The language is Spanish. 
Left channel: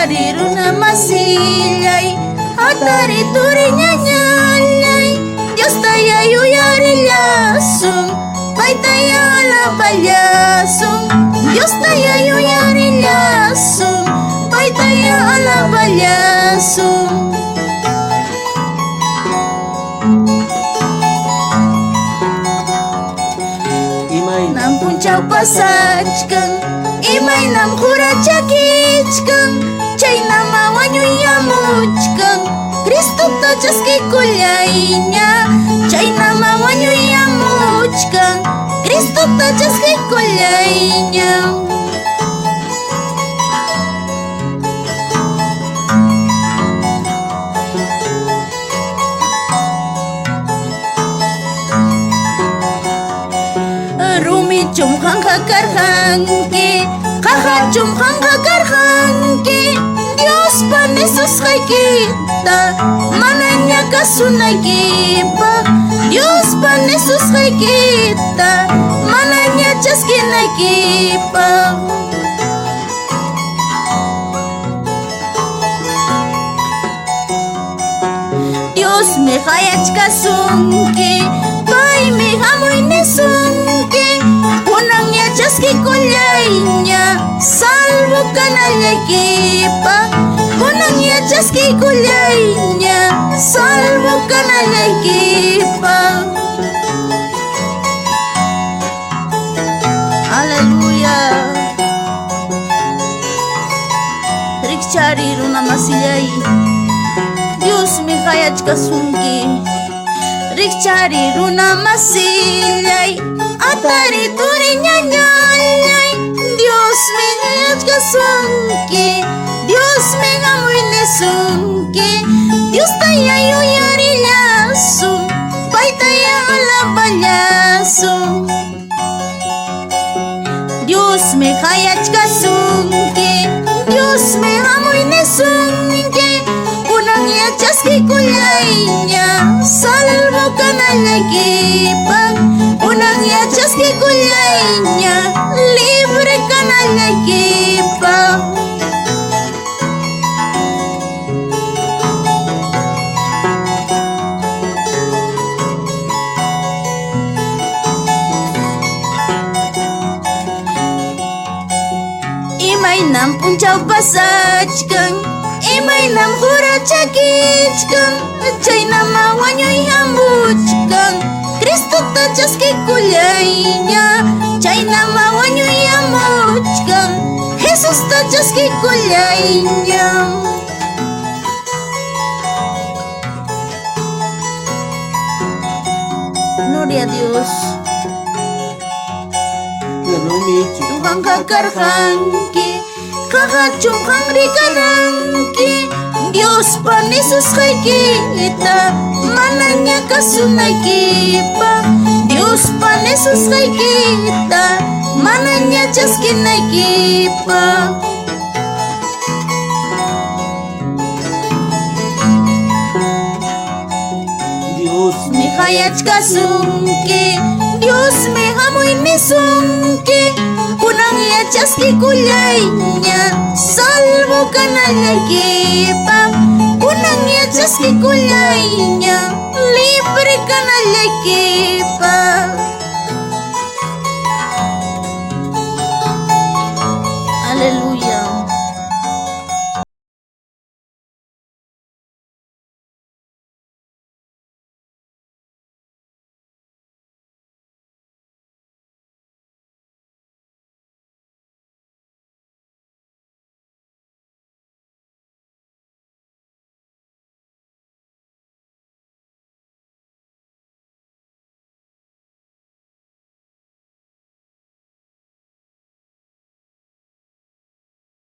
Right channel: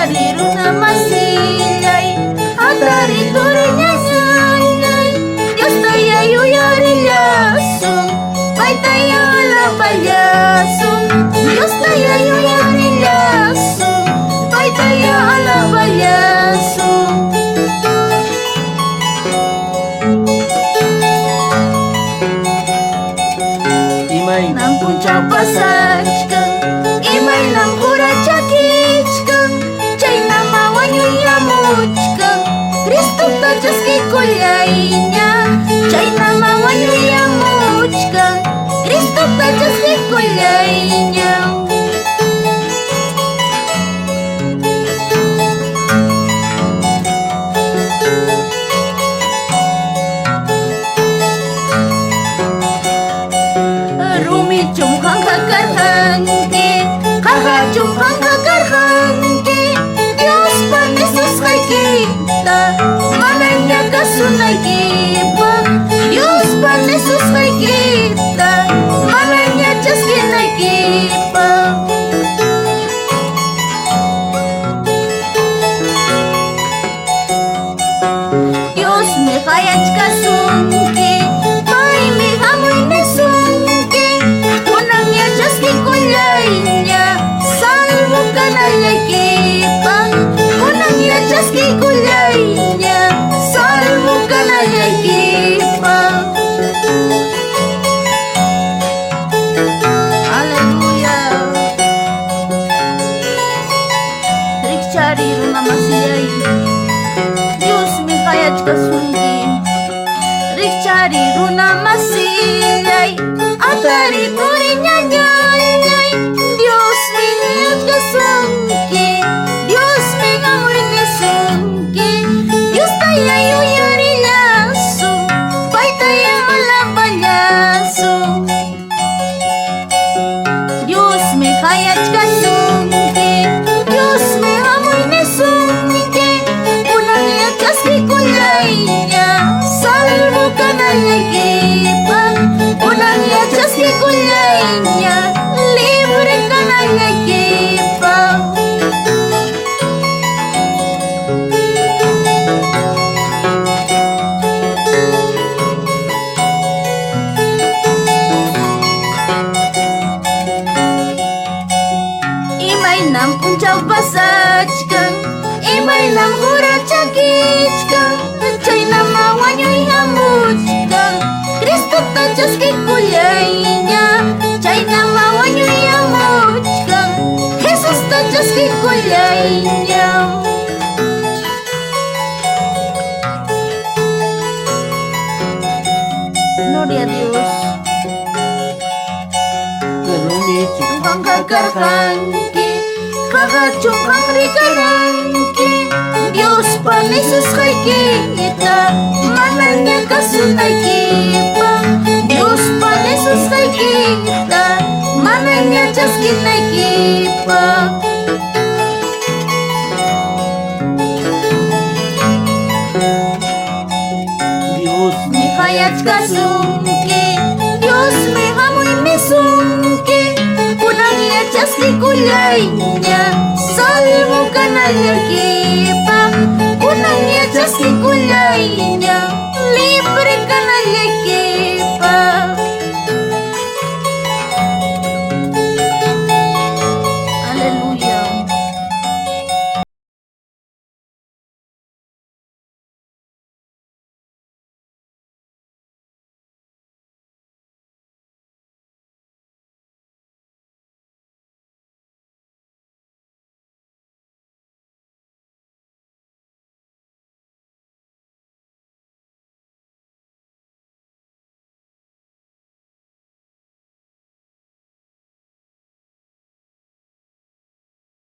cari runa masilay atari turinya nyalay Dios tayo yari lasong Paitaya ala palyasong Dios tayo yari lasong Paitaya ala palyasong Nampun capasachkan Imay nam kurachakичкан Chay namawanyu yamuchkan Cristo tachas kikulaynya Chay namawanyu yamuchkan Cristo tachas kikulaynya Cumhang hakarhanki Kaha cumhang hakarhanki Dios pan Yesus kay kita Mananya kasunagipa Dios pan Yesus kay kita Mananya jas kinagipa Dios me hayach kasunki Pai me hamoy nasunki Kulaynya salvo ka na lagi pa Unang yachas kulaynya salvo ka na lagi pa Haleluya Rik cari runa masiyay Dios mi hayat kasungi Rik cari runa masilay Atari turinya nyalay Dios mingat kasunki Dios mingamoy nasunki Dios tayo yari lasong Paitaya ala palyasong Dios may hayat kasunki Dios mingamoy nasunki Unang yachas kikulaynya Salvo ka na lagipan Unang yachas kikulaynya Libre ka na lagipan Imay nam puncaw pasachkan Imay nam hurachakичкан Chay namawanyo yamuchkan Cristo tachas kikulaynya Chay namawanyo yamuchkan Jesus tachas kikulaynya Gloria a Dios Tuhan kakarhanki Kakachumhang rikaranki Dios pan Yesus kay kita Mananya kasunagipa Dios pan Yesus kay kita Mananya jas kinagipa Dios mi hayat kasunki Dios mi hamoy misunki Unang yachas kikulaynya Salvo ka na lagipa Unang yachas kikulaynya Libre ka na lagipa